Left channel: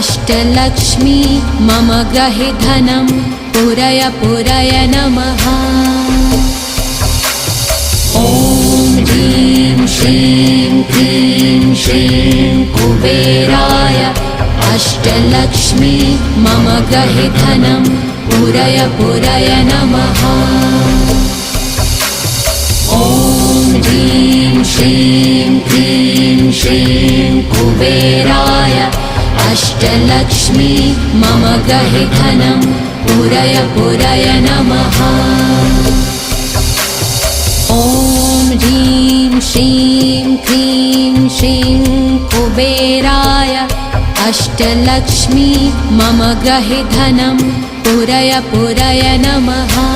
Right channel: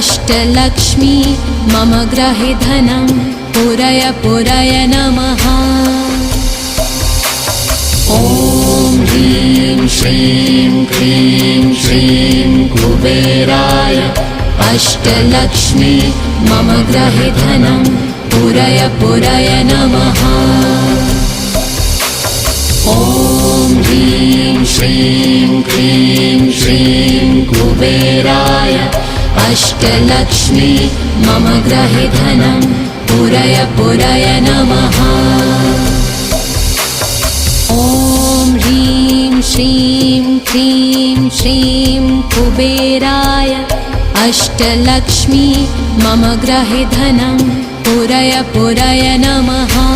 अष्टलक्ष्मी मम ग्रहे धनं पुरय पुरय नमः। ॐ ह्रीं श्रीं क्लीं श्रीं कुबेराय अष्टलक्ष्मी मम ग्रहे धनं पुरय पुरय नमः। ॐ ह्रीं श्रीं क्लीं श्रीं कुबेराय अष्टलक्ष्मी मम ग्रहे धनं पुरय पुरय नमः। ॐ ह्रीं श्रीं क्लीं श्रीं कुबेराय अष्टलक्ष्मी मम ग्रहे धनं पुरय पुरय नमः।